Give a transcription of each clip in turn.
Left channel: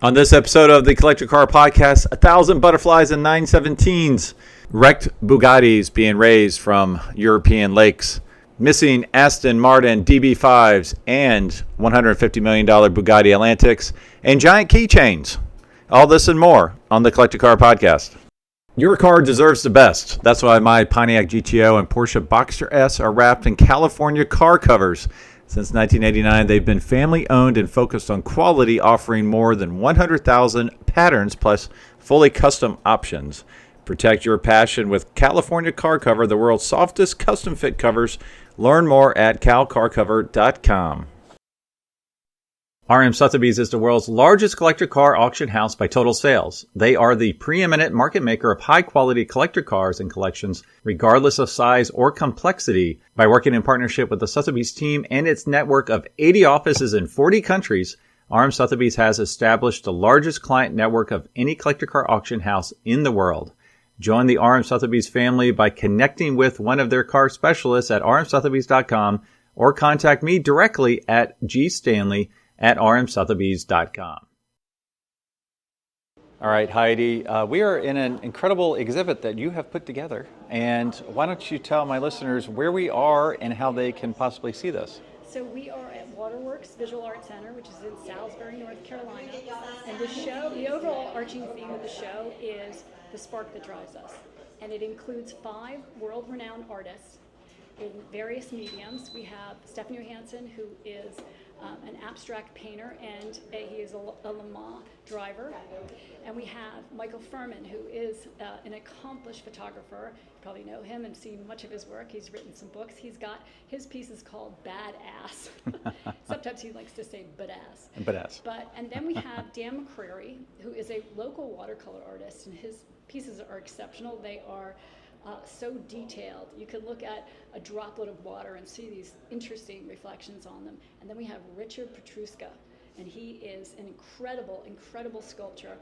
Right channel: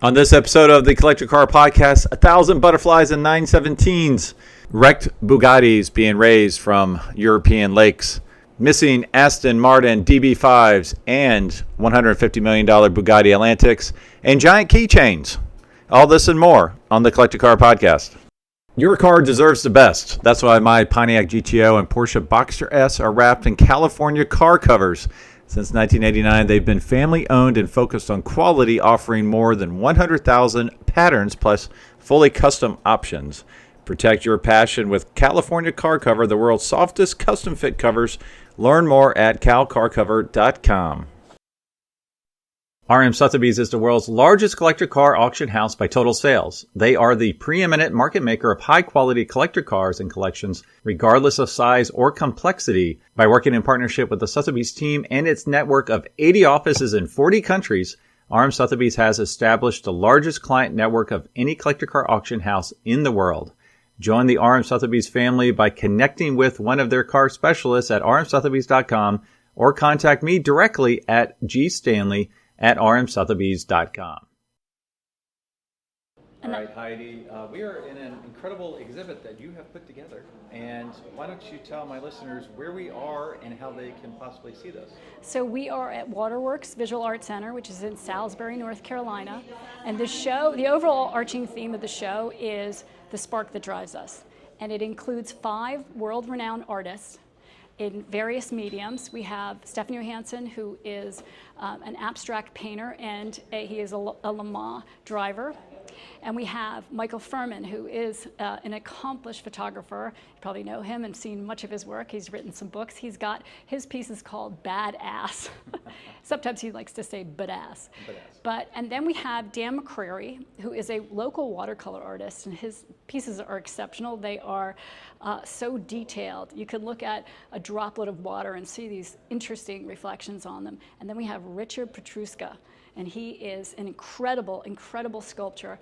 On this episode of the Collector Car Podcast, 1,000 butterflies and 917s, wrecked Bugattis being raised from European lakes, missing Aston Martin DB5s and $150 million Bugatti Atlantics, and giant keychains. All this and more on the Collector Car Podcast. Your car deserves the best. That's why my Pontiac GTO and Porsche Boxster S are wrapped in California car covers. Since 1989, they've been family-owned and focused on quality, offering more than 100,000 patterns plus fully custom options. Protect your passion with California Car Cover, the world's softest custom-fit covers. Learn more at calcarcover.com. RM Sotheby's is the world's largest collector car auction house by total sales. They are the preeminent market maker of high-quality collector cars and collections, regardless of size or complexity. By working in partnership with the Sotheby's team and its network of 80 offices in 40 countries, RM Sotheby's has established the largest client network of any collector car auction house in the world. Join the RM Sotheby's family by connecting with one of their car specialists at rmsotheby's.com or contact me directly at gstanley@rmsotheby's.com. All right, Heidi, we are in an incredible exhibit that you have put together. And why don't you tell my listeners where we are and how they can possibly see this? So we are at Waterworks Visual Arts Center, which is in Salisbury, North Carolina. And the show, the overall arching theme of the show is the spark that drives us. And it includes 5 world-renowned artists in various mediums. We have Stefan Johansson, who is an abstract painter, and he is a Le Mans driver. And we have Michael Furman, who is an accomplished photographer. You probably know him and seen much of his work. He's written some books. He's got, his piece is called Badass. Sometimes he likes to say badass. Badass. And then we have Dan McCrary, who is a local watercolor artist, and his pieces are exceptional. They are so detailed. You could look at a droplet of water and see these interesting reflections on them. And then we have Richard Petruska, and he is an incredible, incredible sculptural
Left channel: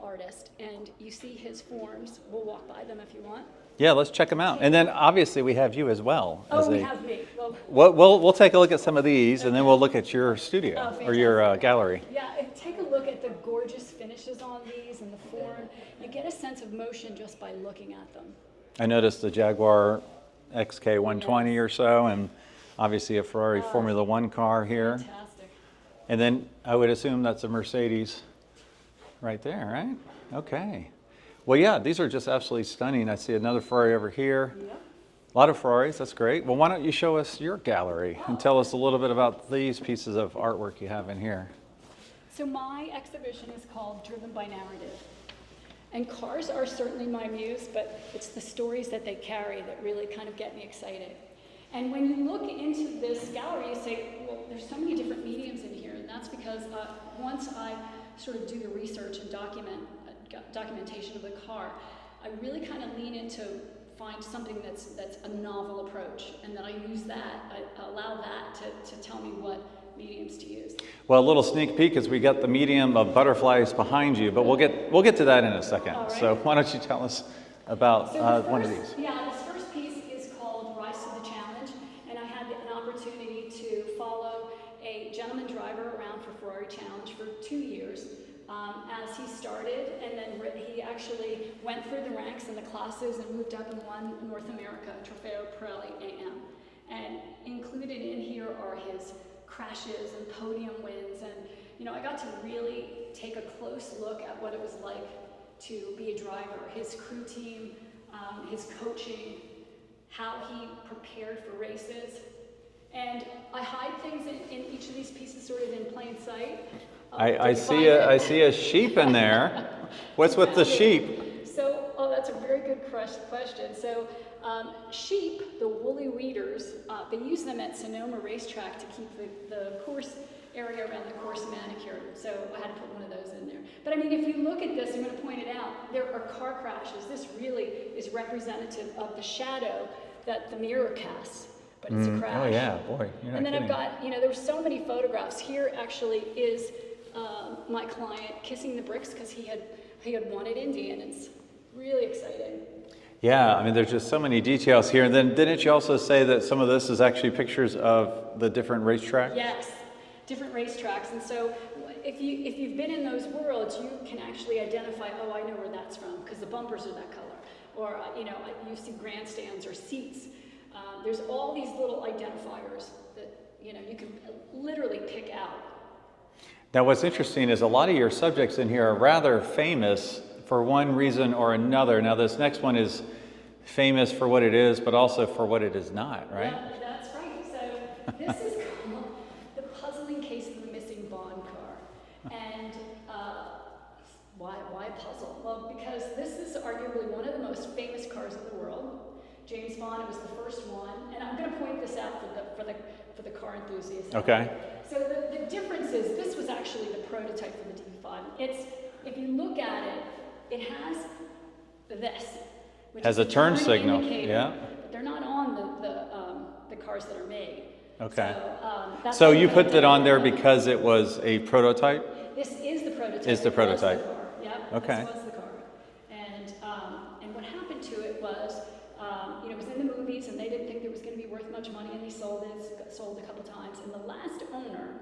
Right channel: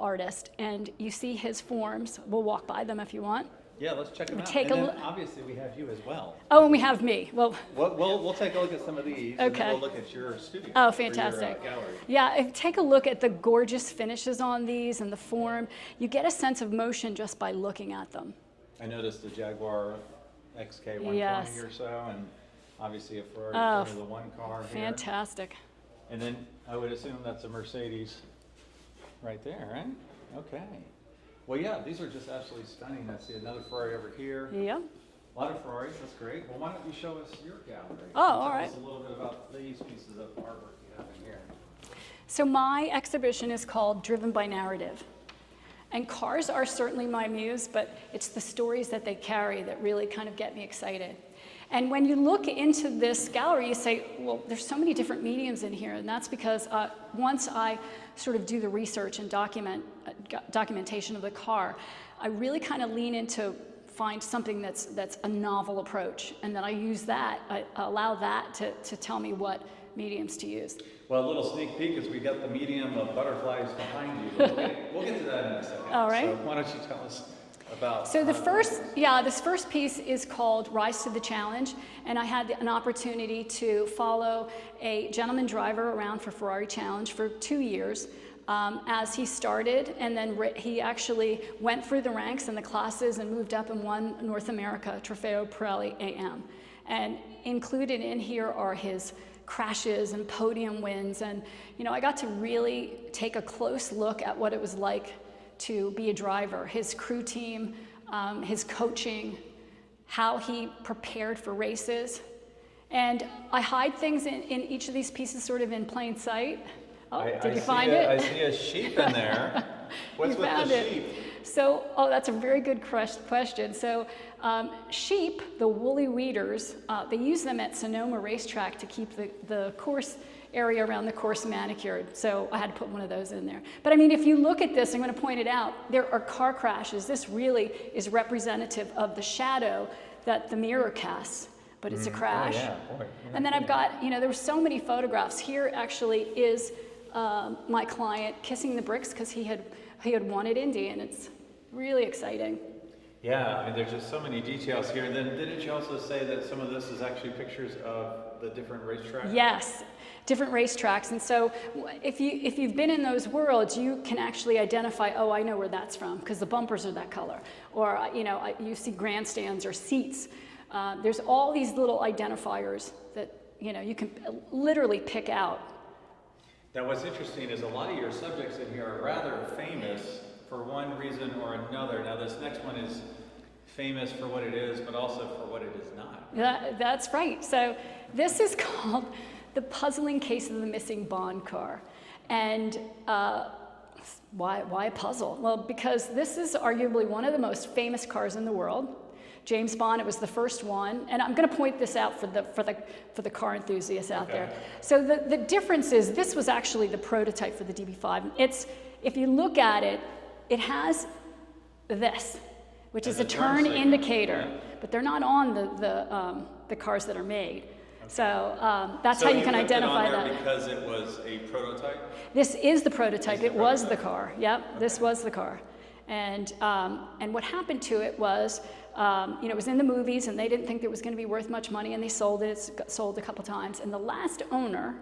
artist. And you see his forms. We'll walk by them if you want. Yeah, let's check them out. And then obviously we have you as well. Oh, we have me. Well, we'll take a look at some of these, and then Okay. we'll look at your studio or your gallery. Yeah, take a look at the gorgeous finishes on these and the form. You get a sense of motion just by looking at them. I noticed the Jaguar XK120 Yes. or so, and obviously a Ferrari Formula One car here. Fantastic. And then I would assume that's a Mercedes right there, right? Okay. Well, yeah, these are just absolutely stunning. I see another Ferrari over here. Yeah. A lot of Ferraris, that's great. Well, why don't you show us your gallery and tell us a little bit about these pieces of artwork you have in here. So my exhibition is called Driven by Narrative. And cars are certainly my muse, but it's the stories that they carry that really kind of get me excited. And when you look into this gallery, you say, well, there's so many different mediums in here. And that's because once I sort of do the research and documentation of the car, I really kind of lean into find something that's a novel approach. And then I use that, I allow that to tell me what mediums to use. Well, a little sneak peek is we got the medium of butterflies behind you, but we'll get to that in a second. All right. So why don't you tell us about So this first piece is called Rise to the Challenge, and I had an opportunity to follow a gentleman driver around for Ferrari Challenge for 2 years as he started, and then he actually went through the ranks and the classes and moved up and won North America Trofeo Pirelli AM. And included in here are his crashes and podium wins, and I got to really take a close look at what it was like to be a driver, his crew team, his coaching, how he prepared for races. And I hide things in each of these pieces sort of in plain sight. I see a sheep in there. What's with the sheep? So, that's a very good question. So, sheep, the woolly weeders, they use them at Sonoma Racetrack to keep the course area around the course manicured. So I had to put one of those in there. But I mean, if you look at this, I'm going to point it out, there are car crashes. This really is representative of the shadow that the mirror casts, but it's a crash. Oh yeah, boy. And then I've got, there were so many photographs. Here actually is my client kissing the bricks because he had won at Indy, and it's really exciting. Yeah, I mean, there's just so many details here. And then didn't you also say that some of this is actually pictures of the different racetracks? Yes. different racetracks. And so if you've been in those worlds, you can actually identify, oh, I know where that's from because the bumpers are that color. Or, you see grandstands or seats. There's all these little identifiers that, you can literally pick out. Now, what's interesting is a lot of your subjects in here are rather famous for one reason or another. Now, this next one is famous for what it is, but also for what it is not, right? That's right. So this is called The Puzzling Case of the Missing Bond Car. And why a puzzle? Well, because this is arguably one of the most famous cars in the world. James Bond, it was the first one, and I'm going to point this out for the car enthusiasts out there. So the difference is this was actually the prototype for the DB5. If you look at it, it has this, which is a turn indicator, but they're not on the cars that are made. Okay. So that's so how you can put that on there them. because it was a prototype? This is the prototype. It was the car. Yep. Okay. This was the car, and what happened to it was. It was in the movies, and they didn't think it was going to be worth much money, and they sold it. It got sold a couple times, and the last owner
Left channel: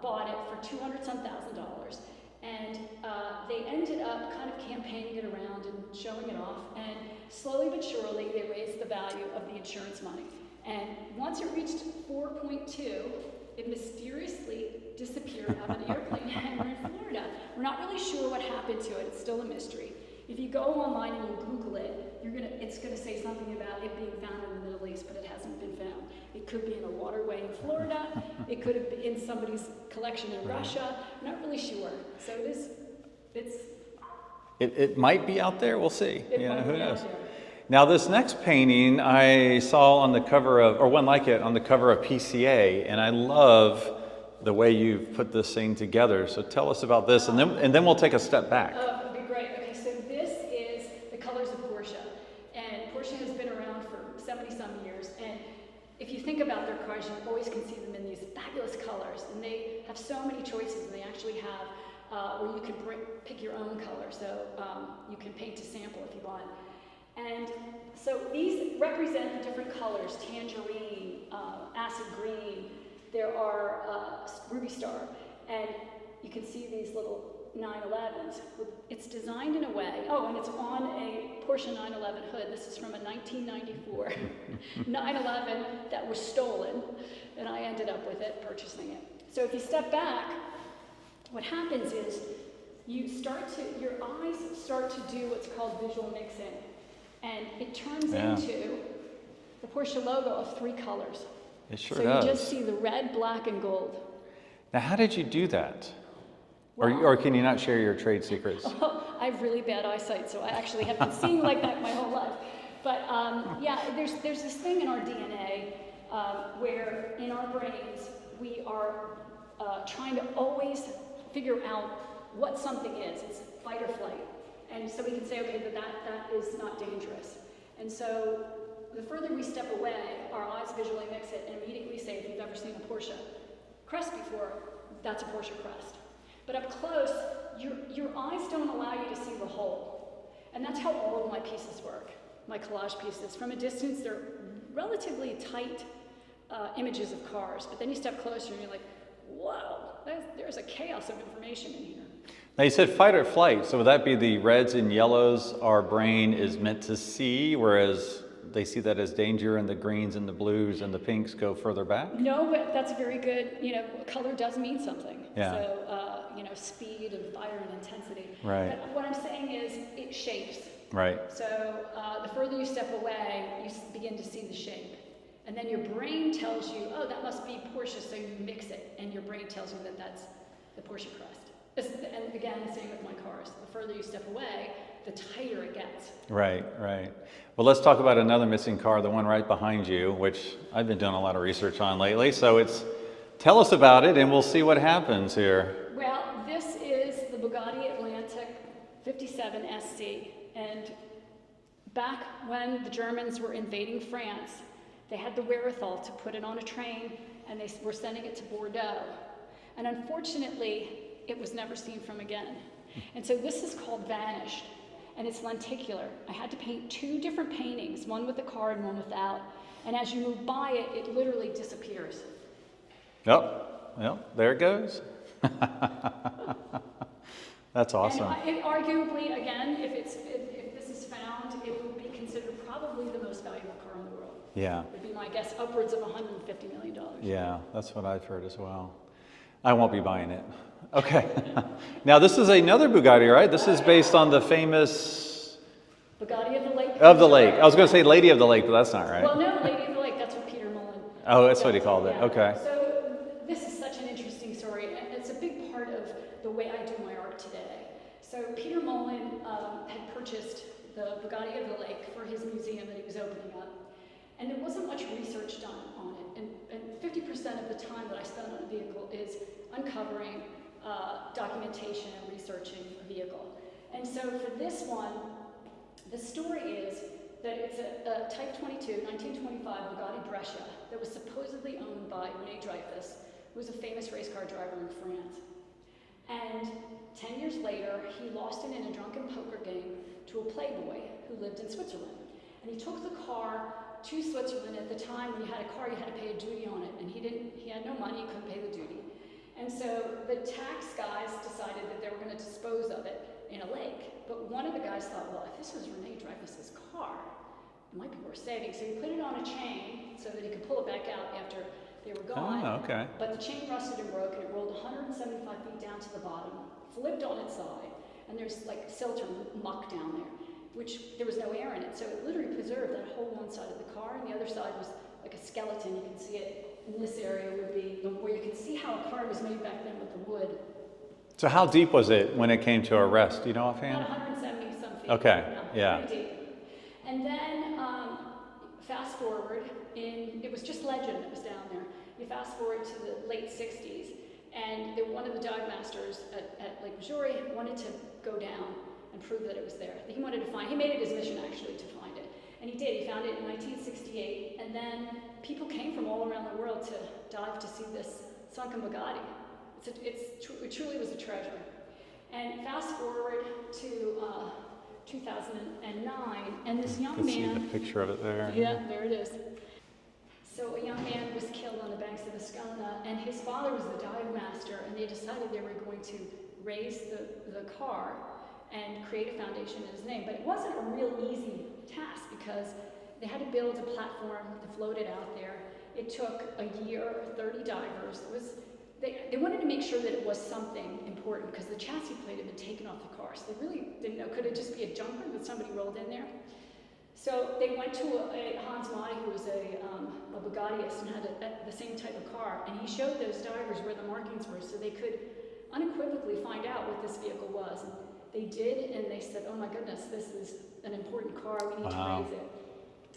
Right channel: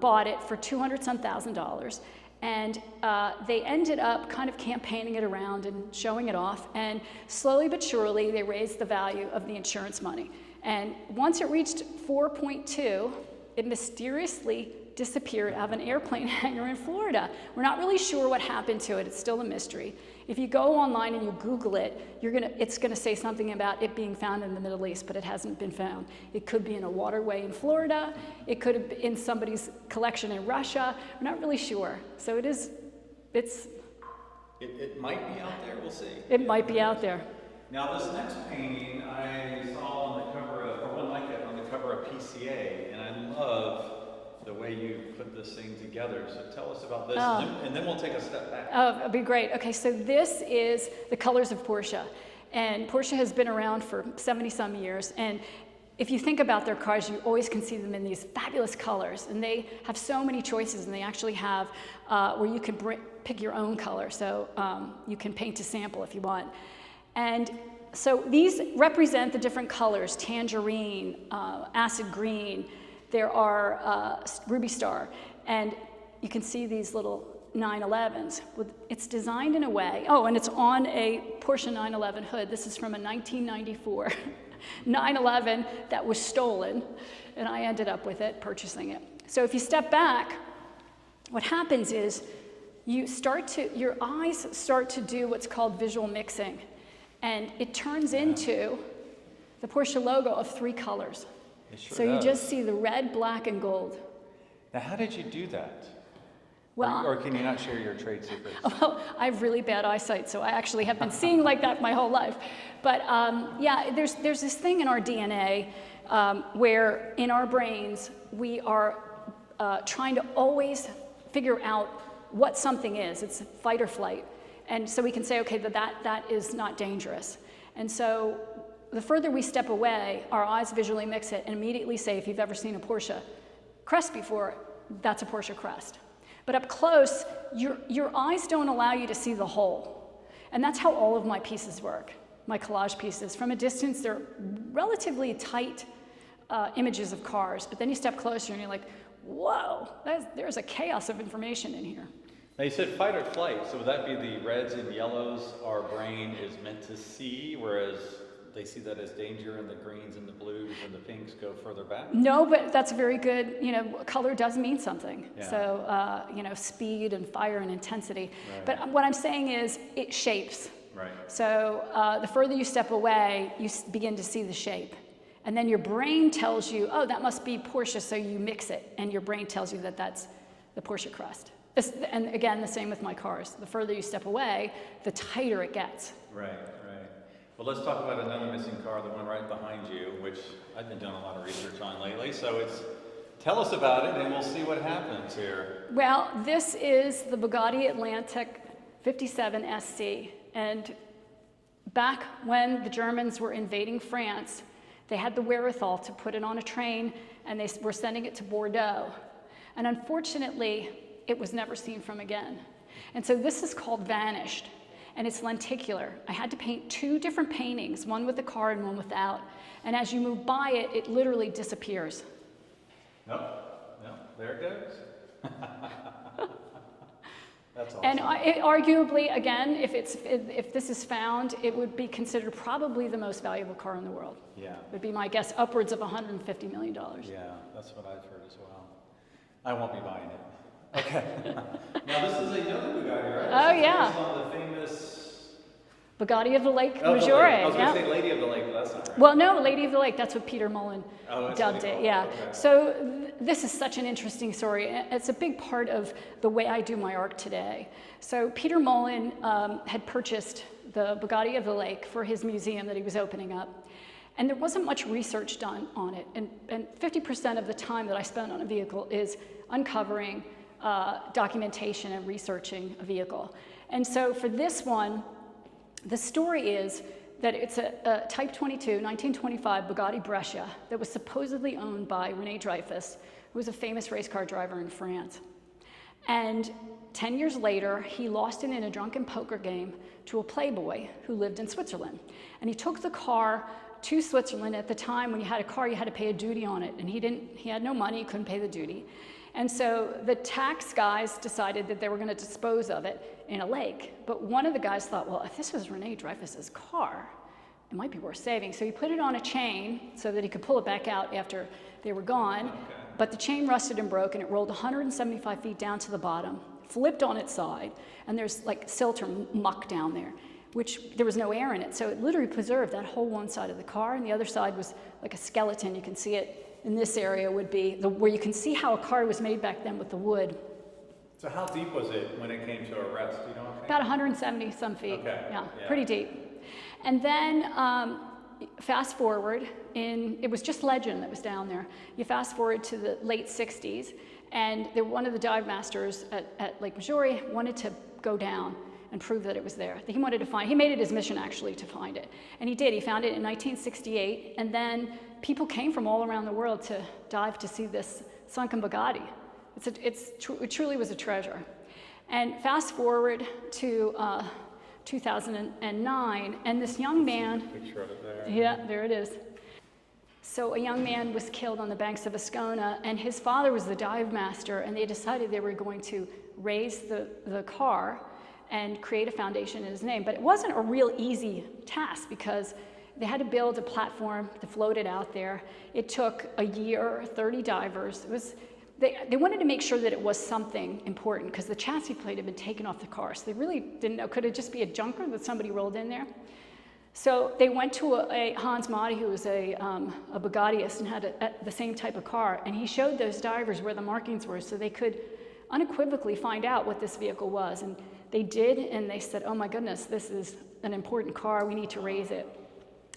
bought it for $200,000, and they ended up kind of campaigning it around and showing it off, and slowly but surely they raised the value of the insurance money. And once it reached 4.2, it mysteriously disappeared out of an airplane hangar in Florida. We're not really sure what happened to it. It's still a mystery. If you go online and you Google it, it's gonna say something about it being found in the Middle East, but it hasn't been found. It could be in a waterway in Florida. It could have been in somebody's collection in Russia. We're not really sure. So It might be out there. We'll see. It might be out there. Now, this next painting I saw on the cover of, or one like it, on the cover of PCA, and I love the way you put this thing together. So tell us about this, and then we'll take a step back. Oh, that'd be great. Okay, so this is the colors of Porsche. And Porsche has been around for 70-some years. And if you think about their cars, you always can see them in these fabulous colors. And they have so many choices, and they actually have where you can pick your own color. So you can paint to sample if you want. And so these represent the different colors: tangerine, acid green. There are Ruby Star, and you can see these little 911s. It's designed in a way, and it's on a Porsche 911 hood. This is from a 1994 911 that was stolen, and I ended up with it, purchasing it. So if you step back, what happens is your eyes start to do what's called visual mixing, and it turns into the Porsche logo of 3 colors. It sure so does. You just see the red, black, and gold. Now, how did you do that? Well, or can you not share your trade secrets? Well, I have really bad eyesight, so I actually have been seeing like that my whole life. But there's this thing in our DNA where in our brains we are trying to always figure out what something is. It's fight or flight. And so we can say, okay, that is not dangerous. And so the further we step away, our eyes visually mix it and immediately say, if you've ever seen a Porsche crest before, that's a Porsche crest. But up close, your eyes don't allow you to see the whole. And that's how all of my pieces work, my collage pieces. From a distance, they're relatively tight images of cars, but then you step closer and you're like, whoa, there's a chaos of information in here. Now, you said fight or flight, so would that be the reds and yellows our brain is meant to see, whereas they see that as danger, and the greens and the blues and the pinks go further back? No, but that's very good. Color does mean something. Yeah. So, speed and fire and intensity. Right. But what I'm saying is it shapes. Right. So the further you step away, you begin to see the shape. And then your brain tells you, oh, that must be Porsche, so you mix it. And your brain tells you that that's the Porsche crest. And again, the same with my cars. The further you step away, the tighter it gets. Right. Well, let's talk about another missing car, the one right behind you, which I've been doing a lot of research on lately. So tell us about it, and we'll see what happens here. Well, this is the Bugatti Atlantic 57 SC. And back when the Germans were invading France, they had the wherewithal to put it on a train, and they were sending it to Bordeaux. And unfortunately, it was never seen from again. And so this is called Vanished. And it's lenticular. I had to paint 2 different paintings, one with the car and one without. And as you move by it, it literally disappears. Yep. Well, there it goes. That's awesome. And arguably, again, if this is found, it would be considered probably the most valuable car in the world. Yeah. Would be my guess, upwards of $150 million. Yeah, that's what I've heard as well. I won't be buying it. Okay. Now this is another Bugatti, right? This is based on the famous Bugatti of the Lake. Of the Lake. I was going to say Lady of the Lake, but that's not right. Well, no, Lady of the Lake. That's what Peter Mullen. Oh, that's what he called it. Okay. So this is such an interesting story. It's a big part of the way I do my art today. So Peter Mullen had purchased the Bugatti of the Lake for his museum that he was opening up. And there wasn't much research done on it. And 50% of the time that I spend on a vehicle is uncovering documentation and researching a vehicle. And so for this one, the story is that it's a Type 22, 1925 Bugatti Brescia that was supposedly owned by René Dreyfus, who was a famous race car driver in France. And 10 years later, he lost it in a drunken poker game to a playboy who lived in Switzerland. And he took the car to Switzerland. At the time, when you had a car, you had to pay a duty on it. And he had no money, he couldn't pay the duty. And so the tax guys decided that they were going to dispose of it in a lake. But one of the guys thought, well, if this was René Dreyfus's car, it might be worth saving. So he put it on a chain so that he could pull it back out after they were gone. Oh, okay. But the chain rusted and broke, and it rolled 175 feet down to the bottom, flipped on its side, and there's like silt or muck down there, which there was no air in it. So it literally preserved that whole one side of the car, and the other side was like a skeleton. You can see it in this area would be where you can see how a car was made back then with the wood. So how deep was it when it came to a rest? Do you know offhand? About 170 some feet. Okay. Yeah. Pretty deep. And then fast forward, it was just legend that was down there. You fast forward to the late 60s, and one of the dive masters at Lake Missouri wanted to go down and prove that it was there. He made it his mission actually to find it. And he did. He found it in 1968, and then people came from all around the world to dive to see this sunken Bugatti. It truly was a treasure. And fast forward to 2009, and this young man. See the picture of it there. Yeah, there it is. So a young man was killed on the banks of Ascona, and his father was the dive master, and they decided they were going to raise the car and create a foundation in his name. But it wasn't a real easy task because they had to build a platform to float it out there. It took a year, 30 divers. They wanted to make sure that it was something important because the chassis plate had been taken off the car. So they really didn't know, could it just be a junker that somebody rolled in there? So they went to a Hans Mahdi, who was a Bugattiist and had the same type of car, and he showed those divers where the markings were so they could unequivocally find out what this vehicle was. And they did, and they said, oh my goodness, this is an important car, we need to raise it.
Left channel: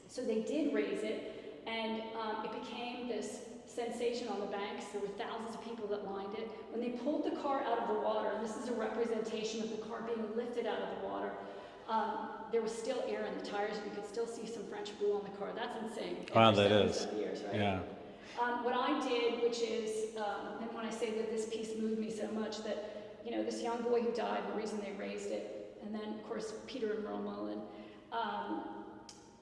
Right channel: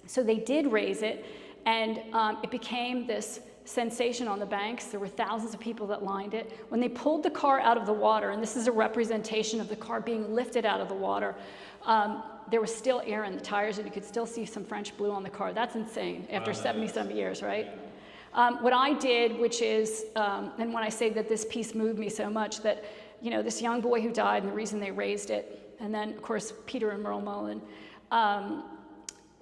So they did raise it, and it became this sensation on the banks. There were thousands of people that lined it. When they pulled the car out of the water, and this is a representation of the car being lifted out of the water, there was still air in the tires, and you could still see some French blue on the car. That's insane after 77 years, right? Yeah. What I did, which is, and when I say that this piece moved me so much, that this young boy who died, and the reason they raised it, and then of course Peter and Merle Mullen,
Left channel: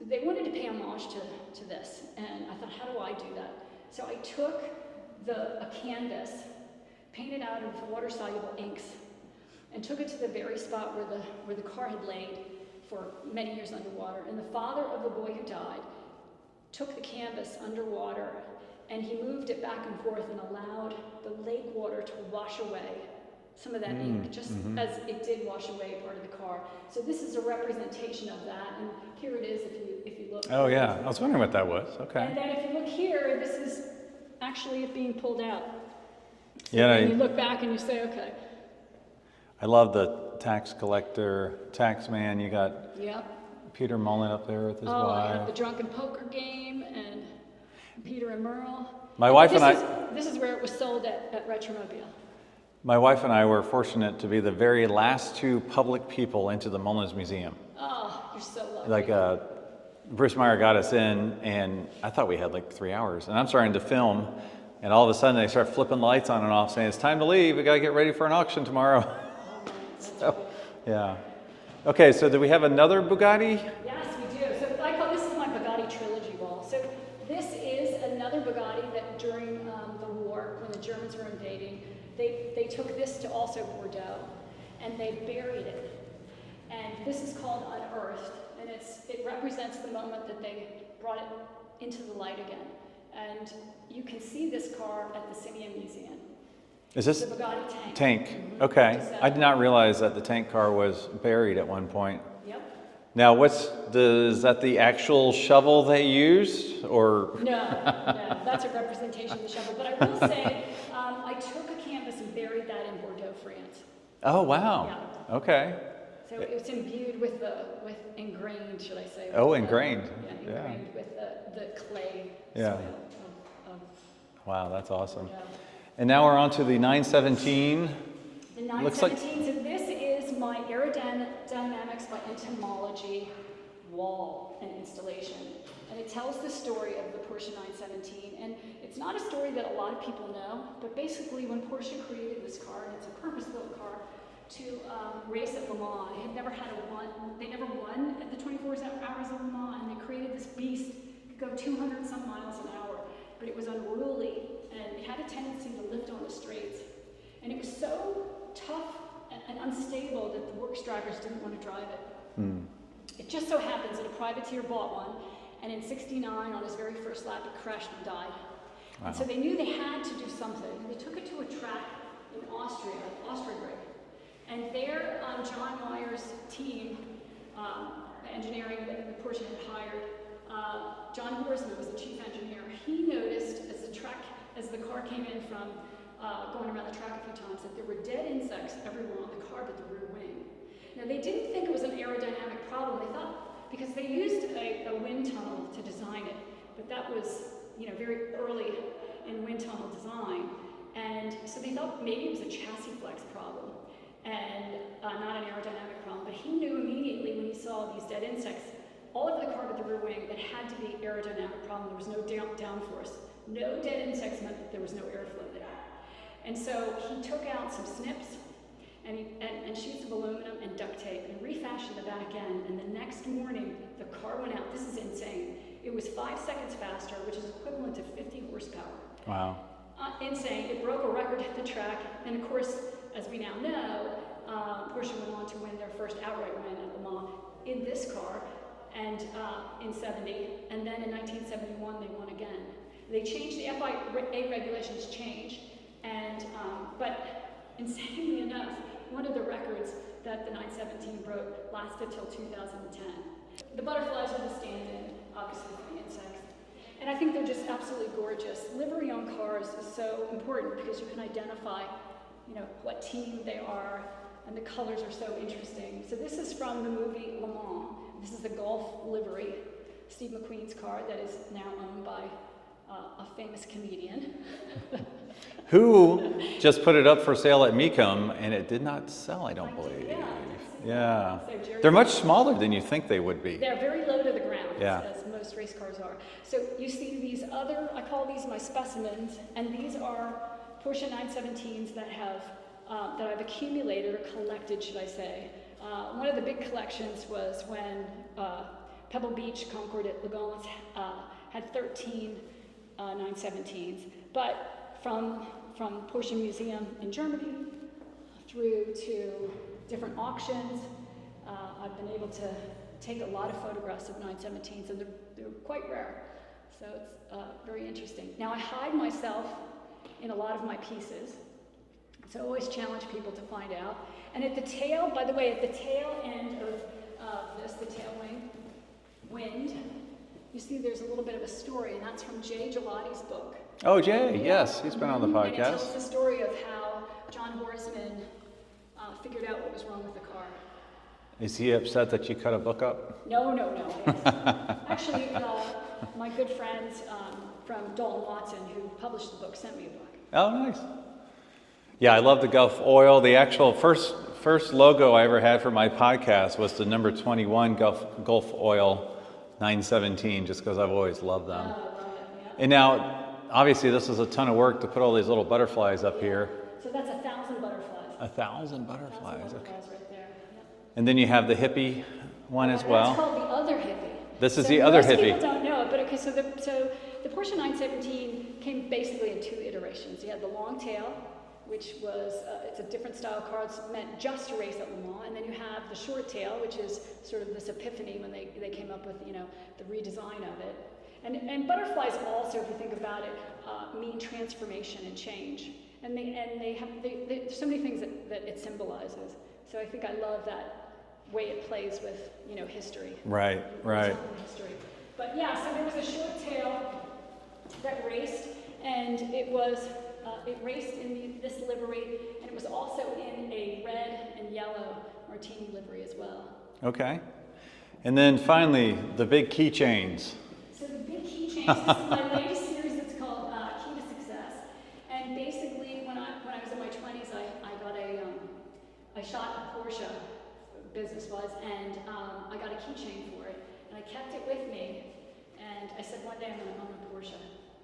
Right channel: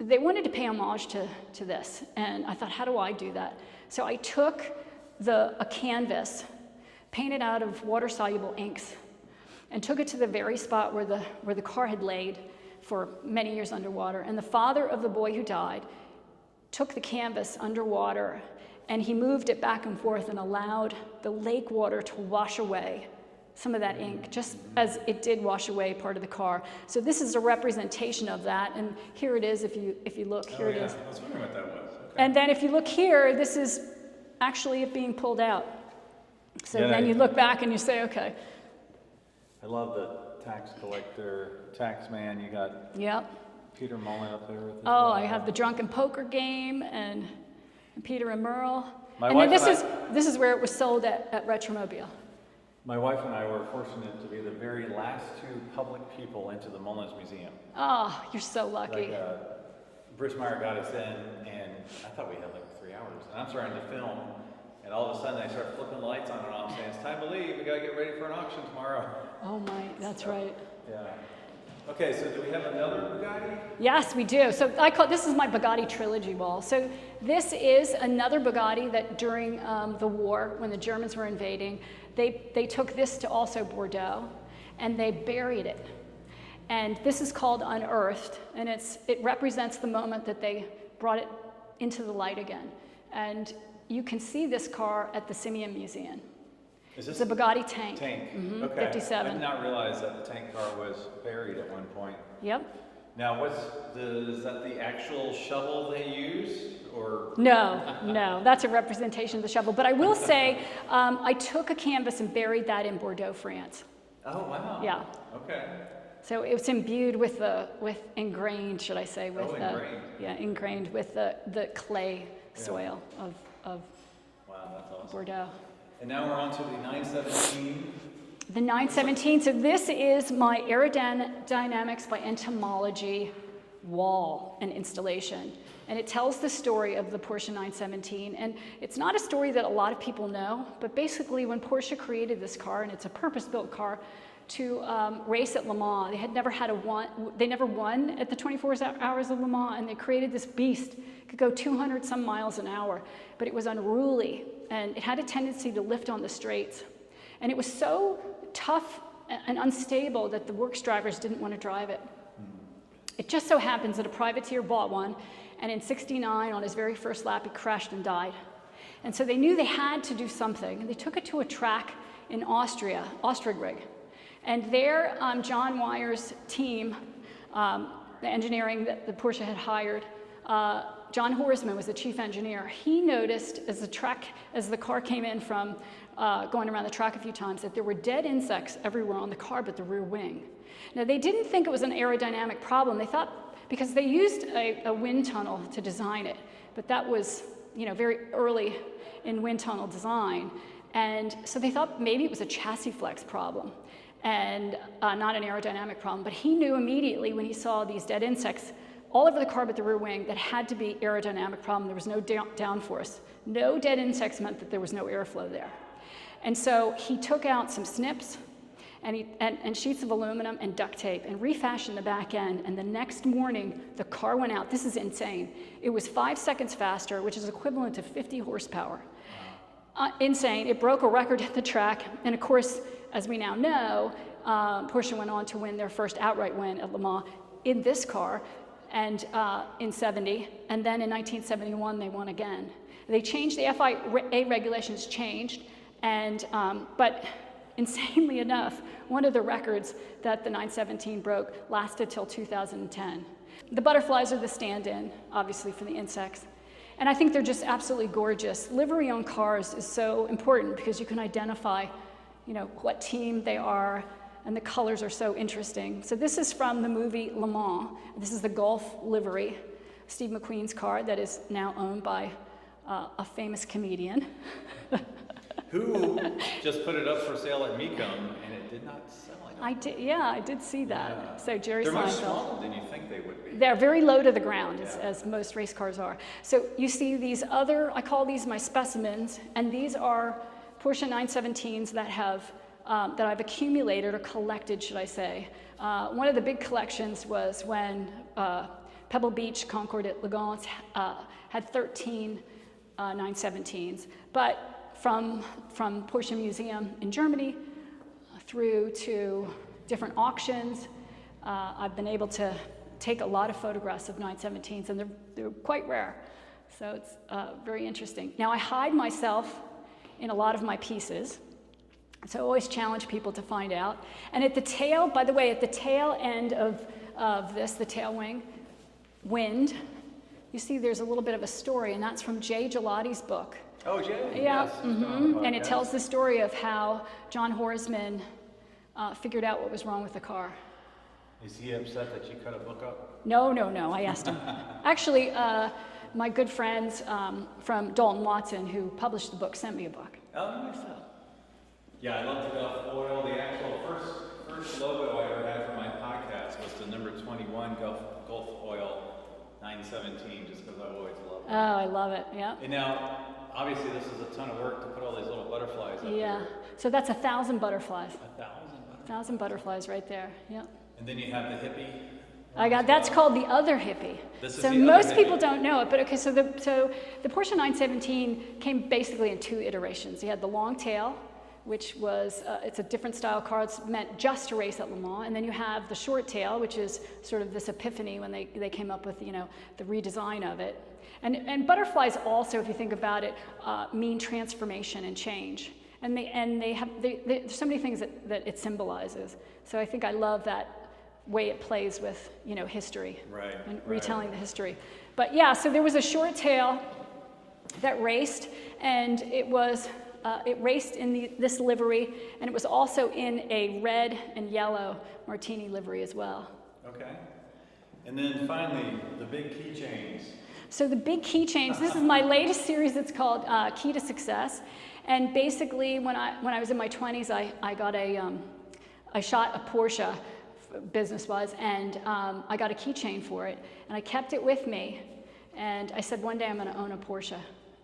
they wanted to pay homage to this, and I thought, how do I do that? So I took a canvas, painted out of water-soluble inks, and took it to the very spot where the car had laid for many years underwater. And the father of the boy who died took the canvas underwater, and he moved it back and forth and allowed the lake water to wash away some of that ink, just as it did wash away part of the car. So this is a representation of that, and here it is if you look. Oh yeah, I was wondering what that was. Okay. And then if you look here, this is actually it being pulled out. So yeah, then you look back and you say, okay. I love the tax collector, tax man. You got Peter Mullen up there with his I have the drunken poker game and Peter and Merle. My wife and I. This is where it was sold at Retromobile. My wife and I were fortunate to be the very last two public people into the Mullins Museum. Oh, you're so lucky. Like Bruce Meyer got us in, and I thought we had like 3 hours. And I'm starting to film, and all of a sudden they start flipping lights on and off, saying it's time to leave. We got to get ready for an auction tomorrow. Oh my, that's right. Yeah. Okay, so do we have another Bugatti? Yes, we do. So this is my Bugatti trilogy wall. So this is another Bugatti that during the war, when the Germans were invading, they took this to also Bordeaux, and they buried it. And this is called Unearthed, and it represents the moment that they brought it into the light again. And you can see this car at the Simeon Museum. Is this the Bugatti tank? Tank, okay. 57. I did not realize that the tank car was buried at one point. Yep. Now, is that the actual shovel they used, or? No, that's a representation of the shovel. But I will say, I took a canvas and buried that in Bordeaux, France. Oh, wow. Yeah. Okay. So it was imbued with ingrained, should I say? Ingrained. Ingrained with the clay soil of Wow, that's awesome. Bordeaux. And now we're on to the 917. The 917, so this is my aerodynamics by entomology wall and installation. And it tells the story of the Porsche 917. And it's not a story that a lot of people know, but basically when Porsche created this car, and it's a purpose-built car, to race at Le Mans. They never won at the 24 hours of Le Mans, and they created this beast. It could go 200 some miles an hour, but it was unruly, and it had a tendency to lift on the straights. And it was so tough and unstable that the works drivers didn't want to drive it. It just so happens that a privateer bought one, and in '69, on his very first lap, it crashed and died. Wow. And so they knew they had to do something, and they took it to a track in Austria, Ostrigrig. And there, John Wyer's team, the engineering that the Porsche had hired, John Horsman was the chief engineer. He noticed as the car came in from going around the track a few times, that there were dead insects everywhere on the car but the rear wing. Now, they didn't think it was an aerodynamic problem. They thought, because they used a wind tunnel to design it, but that was, very early in wind tunnel design. And so they thought maybe it was a chassis flex problem and not an aerodynamic problem. But he knew immediately when he saw these dead insects all over the car but the rear wing that had to be aerodynamic problem. There was no downforce. No dead insects meant that there was no airflow there. And so he took out some snips and sheets of aluminum and duct tape and refashioned the back end. And the next morning, the car went out. This is insane. It was 5 seconds faster, which is equivalent to 50 horsepower. Wow. Insane. It broke a record at the track. And of course, as we now know, Porsche went on to win their first outright win at Le Mans in this car, and in '70, and then in 1971 they won again. They changed, the FIA regulations changed, and but insanely enough, one of the records that the 917 broke lasted till 2010. The butterflies are the stand-in, obviously, for the insects. And I think they're just absolutely gorgeous. Livery on cars is so important because you can identify, what team they are, and the colors are so interesting. So this is from the movie Le Mans. This is the Golf livery, Steve McQueen's car that is now owned by a famous comedian. Who just put it up for sale at Mecum, and it did not sell, I don't believe. I did see that. Yeah. So they're much smaller than you think they would be. They're very low to the ground, as most race cars are. So you see these I call these my specimens, and these are Porsche 917s that I've accumulated or collected, should I say. One of the big collections was when Pebble Beach Concours at Legance had 13 917s. But from Porsche Museum in Germany through to different auctions, I've been able to take a lot of photographs of 917s, and they're quite rare. So it's very interesting. Now, I hide myself in a lot of my pieces, so I always challenge people to find out. And at the tail, by the way, at the tail end of this, the tail wing, wind, you see there's a little bit of a story, and that's from Jay Gelati's book. Oh, Jay, yes, he's been on the podcast. And it tells the story of how John Horsman figured out what was wrong with the car. Is he upset that you cut a book up? No, I asked him. Actually, my good friends from Dalton Watson, who published the book, sent me a book. Oh, nice. Yeah, I love the Gulf oil. The actual first logo I ever had for my podcast was the number 21 Gulf oil 917, just because I've always loved them. Oh, I love it, yeah. And now, obviously, this is a ton of work to put all these little butterflies up here. So that's 1,000 butterflies. 1,000 butterflies. 1,000 butterflies right there. Yeah. And then you have the hippie one as well. That's called the other hippie. This is the other hippie. Most people don't know it, but okay. So the Porsche 917 came basically in 2 iterations. You had the long tail, which was it's a different style car. It's meant just to race at Le Mans, and then you have the short tail, which is sort of this epiphany when they came up with the redesign of it. And butterflies also, if you think about it, mean transformation and change. And there's so many things that it symbolizes. So I think I love that way it plays with history. Right. And retelling the history. But yeah, so there was a short tail that raced, and it raced in this livery, and it was also in a red and yellow Martini livery as well. Okay. And then finally, the big Keychains. So the big Keychains, this is my latest series. It's called Key to Success. And basically, when I was in my 20s, I shot a Porsche business-wise, and I got a keychain for it, and I kept it with me, and I said one day I'm going to own a Porsche.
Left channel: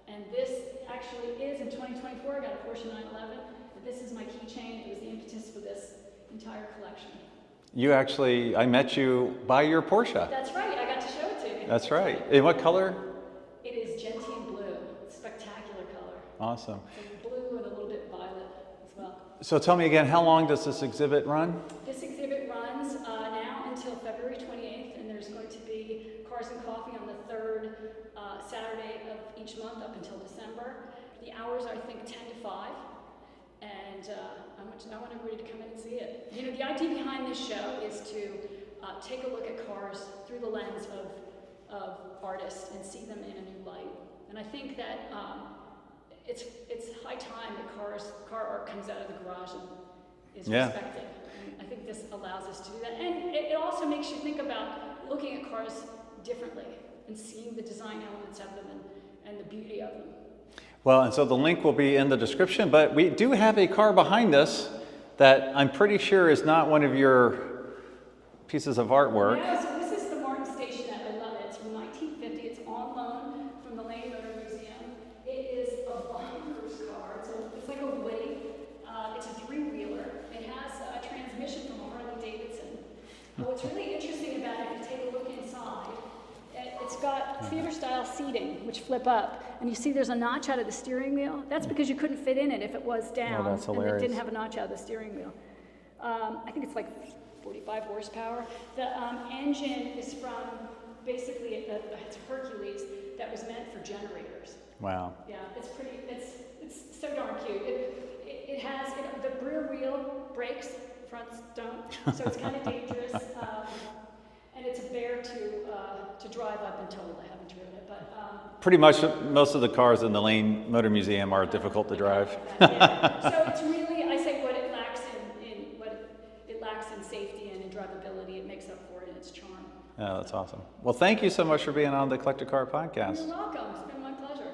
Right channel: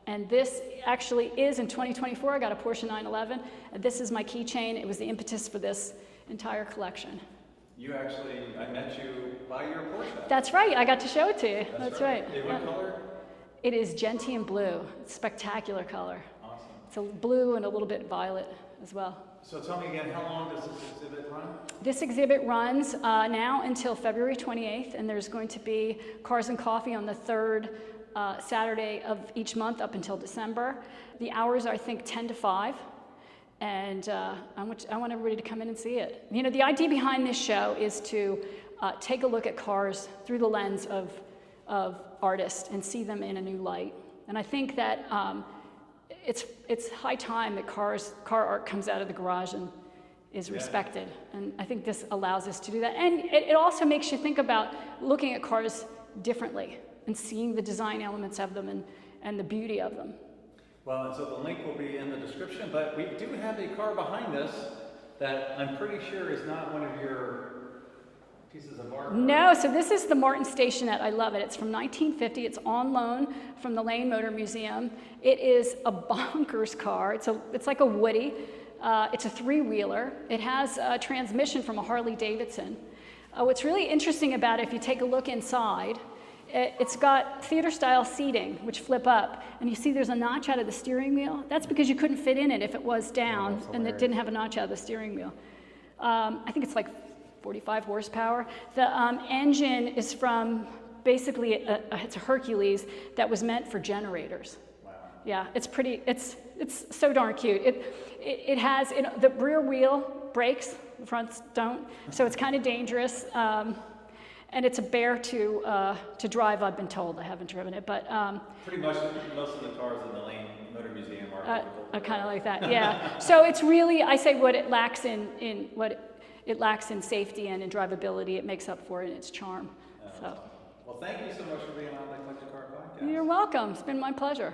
And this actually is in 2024. I got a Porsche 911, and this is my keychain. It was the impetus for this entire collection. I met you by your Porsche. That's right. I got to show it to you. That's right. In what color? It is gentian blue. It's a spectacular color. Awesome. It's a blue and a little bit violet as well. So tell me again, how long does this exhibit run? This exhibit runs now until February 28th, and there's going to be Cars and Coffee on the 3rd Saturday of each month up until December. The hours are, I think, 10 to 5. And I want everybody to come in and see it. The idea behind this show is to take a look at cars through the lens of artists and see them in a new light. And I think that it's high time that car art comes out of the garage and is respected. And I think this allows us to do that. And it also makes you think about looking at cars differently and seeing the design elements of them and the beauty of them. Well, and so the link will be in the description, but we do have a car behind us that I'm pretty sure is not one of your pieces of artwork. No, so this is the Martin Stationette. I love it. It's from 1950. It's on loan from the Lane Motor Museum. It is a bonkers car. It's like a Woody. It's a 3-wheeler. It has a transmission from a Harley Davidson. What's really interesting about it, if you take a look inside, it's got theater-style seating, which flip up, and you see there's a notch out of the steering wheel. That's because you couldn't fit in it if it was down, and it didn't have a notch out of the steering wheel. I think it's like 45 horsepower. The engine is from basically it's a Hercules that was meant for generators. Wow. Yeah, it's pretty. It's so darn cute. It has the rear wheel brakes, the fronts don't, so it's kind of dangerous. And it's a bear to drive, I've been told. I haven't driven it, but... pretty much most of the cars in the Lane Motor Museum are difficult to drive. Kind of like that, yeah. So it's really, I say what it lacks it lacks in safety and in drivability, it makes up for it in its charm. Oh, that's awesome. Well, thank you so much for being on the Collector Car Podcast. You're welcome. It's been my pleasure.